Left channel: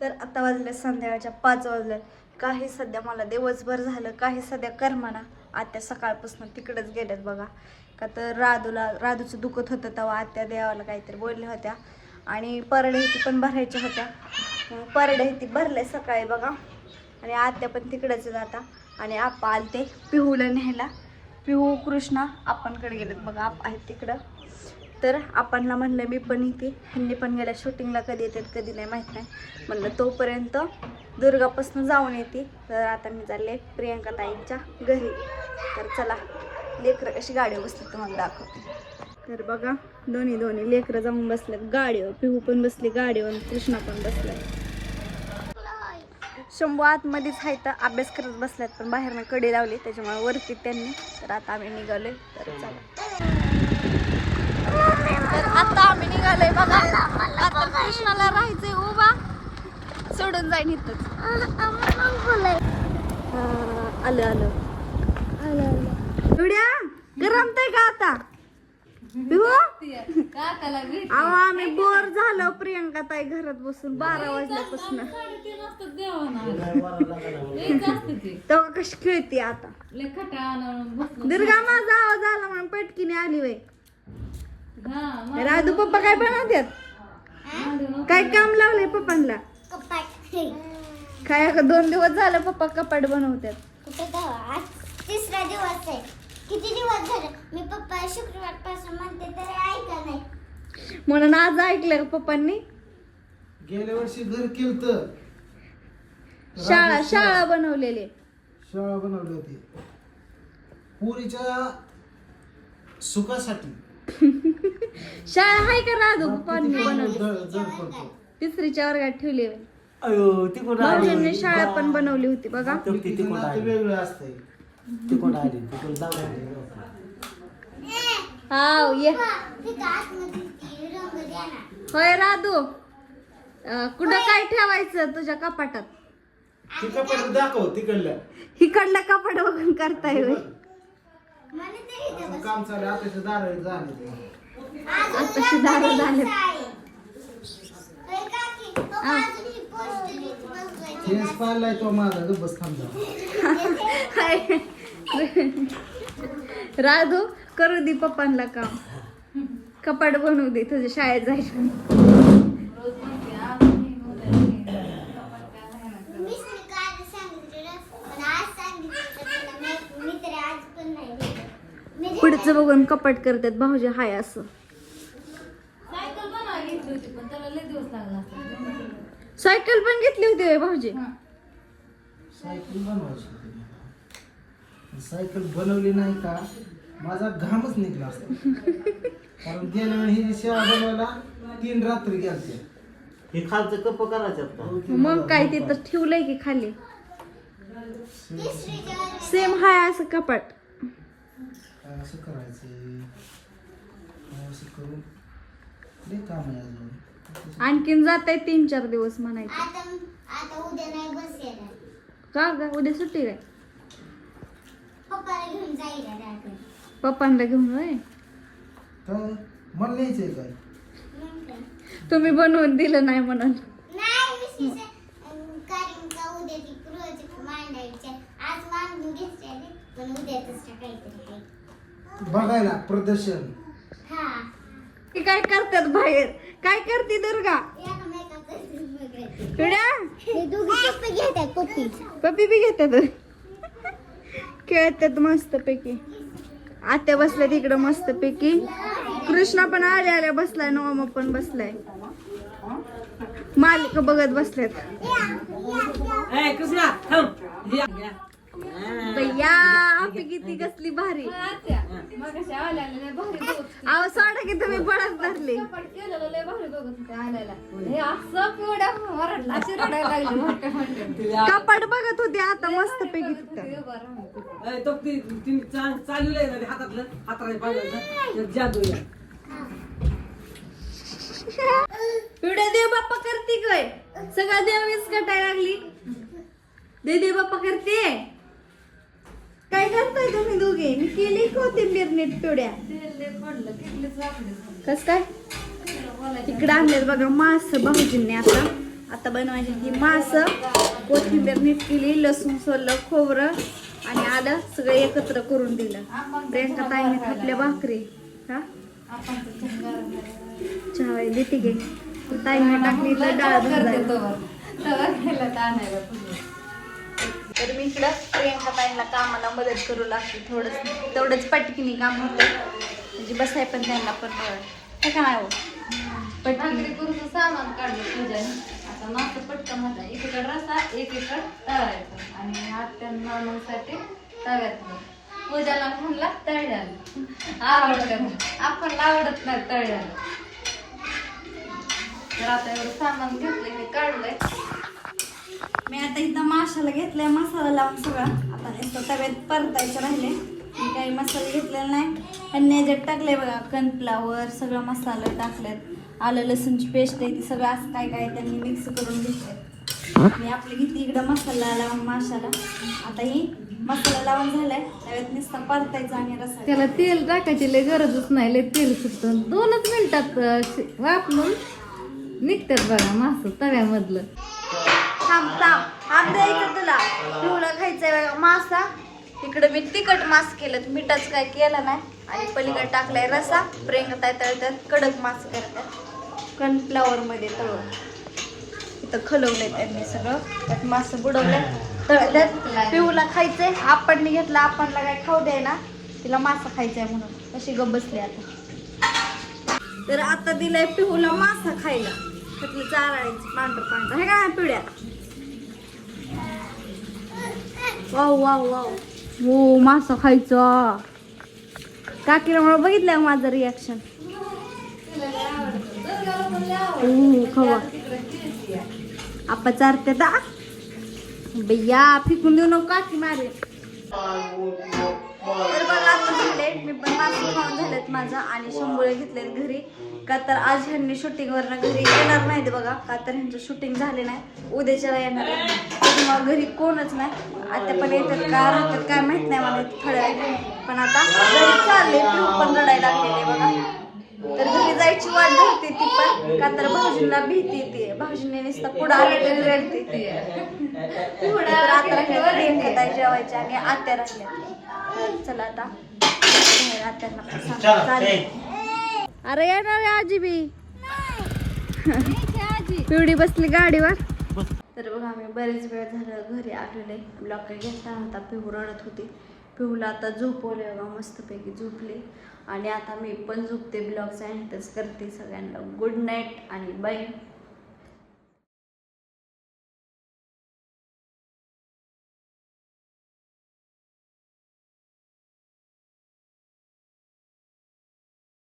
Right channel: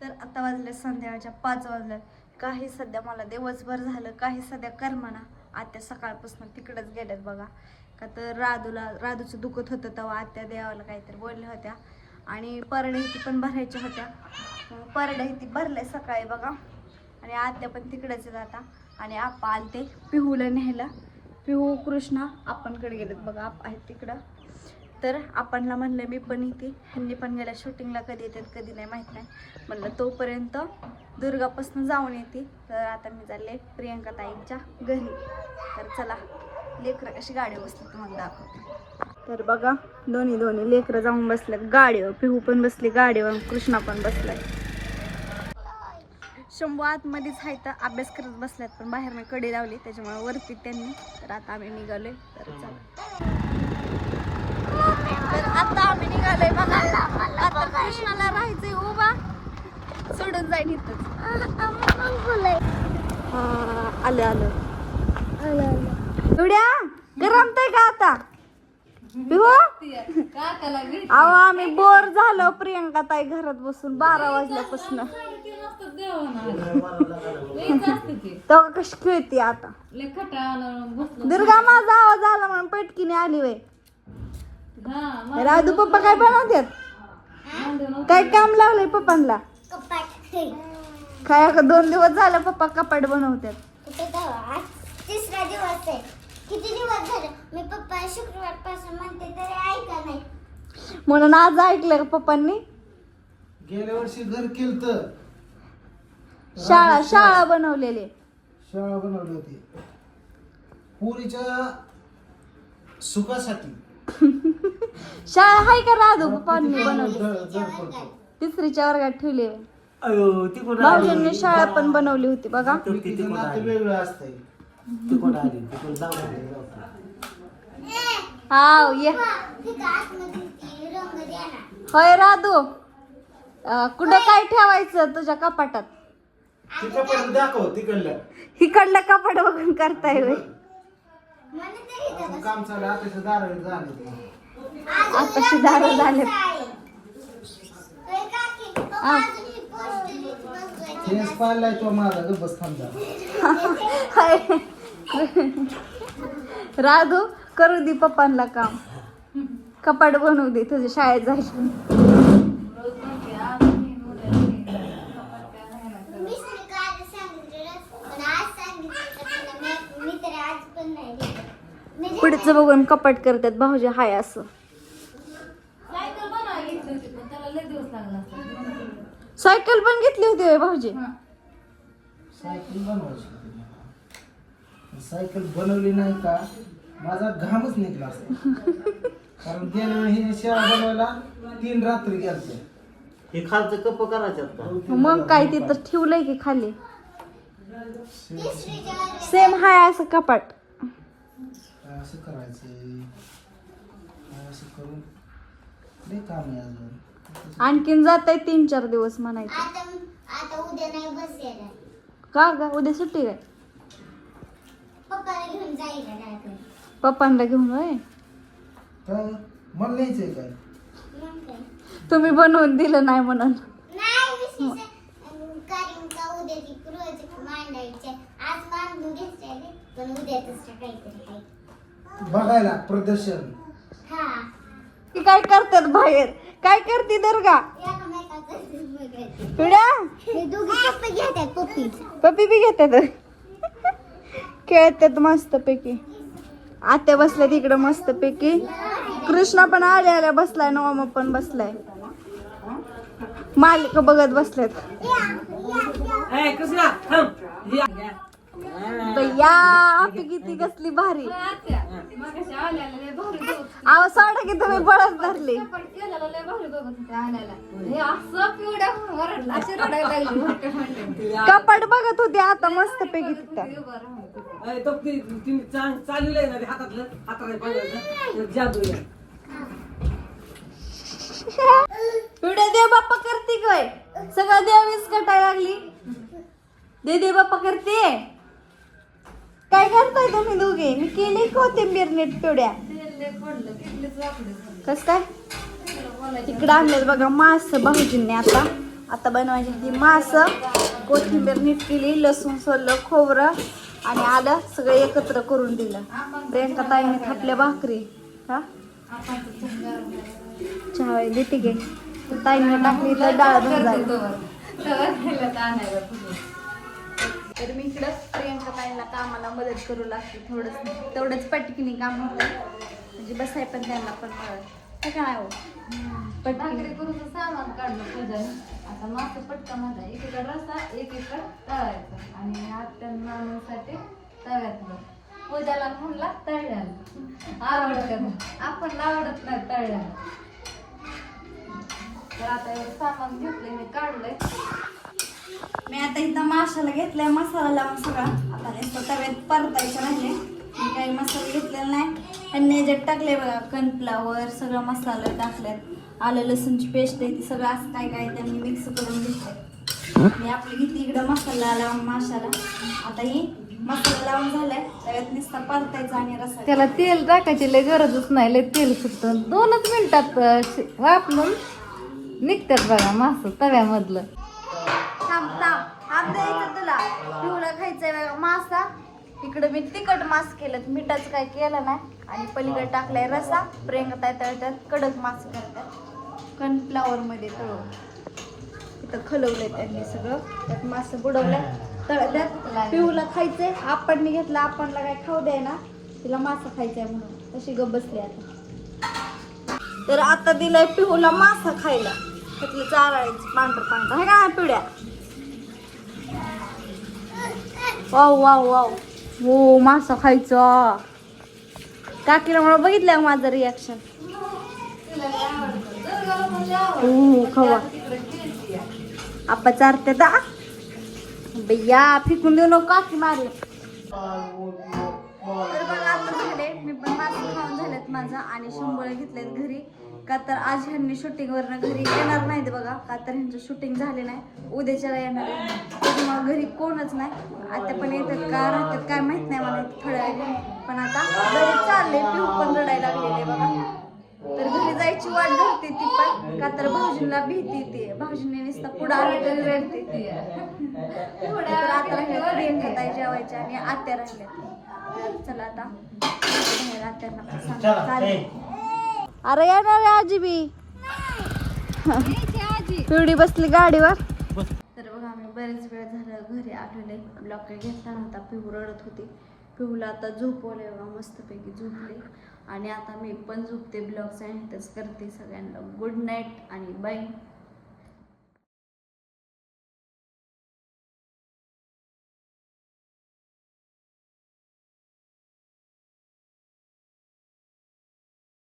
तर आता वाजले संध्याकाळच्या पाच वाजले. काही सध्या मला दिवसभर झालं काही सध्या करमाना. आत्या सकाळपासून तिकडेच गेल्यात बघा. का तर राधूला राधूचं दुखत होतं तेव्हा आत्या देवाला काहीतरी बोलल्या होत्या. आणि परडे ती पण भरायच्या होत्या. मग ती भरले सकाळी बघा. आणि आत्या पण तिकडेच जाता आणि आप्पा आलते पिहूला न्यायला. पिहू कृष्णा आपणकडे गेलेत बघा. आप आहेत तिकडं. तर आपणला म्हणलं मी पण इथे ह्यांनी पण गेल्या शूटिंगला कधी येतात कधी नाही माहीत नाही. म्हणलं तोपर्यंत दुर्गापासून जाऊन येते. तर आता मी चालले प्रियंका ताईंच्या घरी. तर चला लेकरं कशी गाडी बसली तुम्हाला दाखवते. तर बघा दोन्ही दोन्ही लेकरं जाऊन बसल्यात गाडीवर पिहू पण बसली गाडीवर कृष्णा पण बसलाय शंभू आतमध्येच आहे तर अभ्यास करत बसल्यात पण बाहेरनं कडी लावली त्याच्यामुळे वरती त्यांनी. तर आता आम्ही निघालोय. तर चला. तर आता आम्ही निघालोय बघा. आता कृष्णाला राहायचंय उभा. सोडून जाईन इथं. आलं आलं. उड्या गरमतय का आता? अहो आम्ही बोर झालो प्रियंका ताई घरात बसून बारा वाजल्यापासून. तेव्हा कशी खेळते आता? दुर्गा माझा आवाज आला म्हणून पटकीने आली वय राधू पप्पा काय बनवतात? काय काम लावलंय पप्पांना काय दोन दिवस झाला पप्पा कपाट बनवतात. तिसरा दिवस आहे. किती दिवस झाले? मी पप्पा शुक्रवारपासून म्हणते तरी ऐका नाही. म्हणून आज ऐकलं का पप्पांनी? गेल्या वर्षी घर केलं शाळा. शाळा बनवलेली. शाळा बनवली होती. पुरीच्या सुखासाठी. शाळा हाय का राधू पप्पांनी किती बनवली. तिसरीच्या वर्गात ठेवली अयो ती कोण आली? भाऊजींनी शाळा पण बनवली होती बघा. तिचं नातं वेगळं असतंय. ती कोण आली? ती कोण दाखवली हा ये. होय राधू अं, कुठं काय ठेवायचं तुझ्या कपाटात? ती कपडे दाखव तिकडल्या. इकडलं कपाट बघून करताय होय. तरी काम चालू झाले आताशी दारं झाले. तेच पाहिलाय तो माझा ग बस थांबा हाय. राधू करू दे पप्पांना काम कपाट बनवू दे तुझ्या शाळेत जायचं पुढचं बघून कपाट करतात भाऊजी हाय असं सायकल पण घेतली होती होय भाऊजी. सायकल बनवायची होती मला. सायकल बनवली नाही का माझा घामच निघला असता. कारण गेल्या वेळी ही शाळा बनवायला तीन रात्री गेलते. हे खालचं कप करायचं का मग काय ते तर ठेवलंय की खाली? सेम हाय असं कपाट. काय असं करायचं? काय असं करून लय काम आहे अजून. आणखीन जात आहे तीन चार दिवस म्हणायचं. आता आता उद्या नाही बस येणार का गा? उद्या सुट्टी काय? पप्पाला घेऊन डायरेक्ट पप्पांना घेऊन होय? तर मला न्यायचंय काय? मग काय? तुम्ही बनवून दिलं नाही म्हणून. नाही विशेष अं, कारण का उद्या ती प्रोजेक्ट मांडायचे आज मांडून घेतले पण उद्या तसं काहीतरी आहे बघायला प्रदर्शन. हा. की काय करतात बाहेर? काय करते दुर्गा? पिढ्या? हे पप्पी बी घेतात खेळतात मस्त पैकी आत्या बसल्या तिकडं मस्त पैकी कृष्णा पण आल्या आल्या बसलाय नवामा पण बसलाय. मालिक बघत बसलेत भैया आपली किती कसली भारी. अहो सोडा की तुम्ही बळच धरले. कपाट बघत होते आता मस्त पैकी तिथं. चालू हातातलं हाताला पिढे देव बाप्पा करते काय? सगळं देवीच कटायला लागली. दे दे बाप्पा करते. काय करताय तुम्ही दोघे? मी केली कोथिंबीर नीट पिवड्या कस काय? इकडे आणलेत बघा मास भाऊजींनी आता. आता बनवायची ती मास. कोथिंबीर नीट केली लसूण सोललं खोबरं आणि आलं सगळं एकत्र करून दिलं. प्रियंका ताईने थापल्या भाकरी. हा? चहा देते गे ताईने टाकली तर डाळ भाजायला. इकडं प्रियंका ताईंना कामाला मदत करू लागते थोडंच तेवढंच पटकिनी काम होतं. म्हणजे बसाय पण त्यांना पण बरं काय हो? भाकरी करून सामान काढलं पूजाने. आता मासा पटकन माझा. एकीकडे रसा एकीकडे तळायचा आणि आत्यांना मग साठी तव्यात पूजाला म्हणला तळल्याला आवडतं आपण आवडत नाही तळल्याला तर आता एवढं सामान घेतलंय मी काढलंय. मी आता इथं माशाला घेतलाय मसाला लावून सगळा आता नुसतं तव्यात परतायचे राहिले. मी काही मसाला घेतलेला नाही. त्यांनी याच्यात टाकले बघा कनफ्लावर सगळं मसाला टाकल्यात. आलं लसूणची पेस्ट आहे ती सगळं असं काय काय त्यांनी मिक्स करून घेतलं मी आपली घेतली इकडं मसाला लावून माशाला. आता ही मसाला लावून झालाय. तव्यात नुसता परतायचा आणि रसा त्याला तेल टाकायची लय गरजच नाही लय तेल सुटतं. दोनच मिनिटात वापरून निघतात बघा मास तव्यामधलं. थांब थांब. थांब इकडे तुला. पिवळा खायचंय मासा. इकडं मी तिखट मास केलं. मिठाचं काय केलं नाही. आणि पलीकडे टाकलाय रसा. प्रियंका तळतात कडक मास करतात कॉर्नफ्लावर मध्ये तळून. इथं खलवलंय त्यांनी सगळं. त्यात मास बुडवलं तळल्यात पिऊला खायचंय. आपण घेतला आपणला काय खाऊ द्याय ना तिला मासा खायचाय म्हणून. तशी गप बसली आता. तर आता दिलाय पिहूला मासा खायला. तिथलं चारायचं पांढर पांढर. हे काय पिवड्या वाव वाव वाव. हो मासा खायचा. काकीला मला बघितलं माझं रिॲक्शन हो खवा. आपा चारते दा. भैया फेकून देऊ नको काकी मारे. तर बघा आता झाले मी पण मासे खाऊन झालेत माझं आणि शंभुळे घेतलेत घरी. का तर आज ह्यांनी शूटिंगवर घरी येणार नाहीत बघा. का तर ह्यांचं शूटिंग झाले नाही. उद्याच्याला येणार. त्यामुळं घरी कोणच नाही. आता पण येतात का राहतात काय माहीत नाही मला थोड्या. पण आता चालले पण रडायला लागलेले बघा. तर घरी जायची वाट बघते ती पण. का तर भाऊजींना भीती येते. भाऊजींनी नुसतं पुढं आलेली रडते ती. पुढं आता जेवायच्या आणि आत्या राहिल्या. चला आता. आत्यांना सांगा. चालेल. अरे येणार आहे आजी बी. पिवडी बसली गाडीवर. तर बघा आम्ही बरेच वेळ झालं घरी आलेले ब्लॉक काही घेतला नव्हता पिहू रडत होती. पिहूला आता झोपवले बघा मस्तपैकी झोपले. आणि आता मी पण झोपते ब्लॉगचा आणि करते सगळ्यांना. गुड नाईट आणि बाय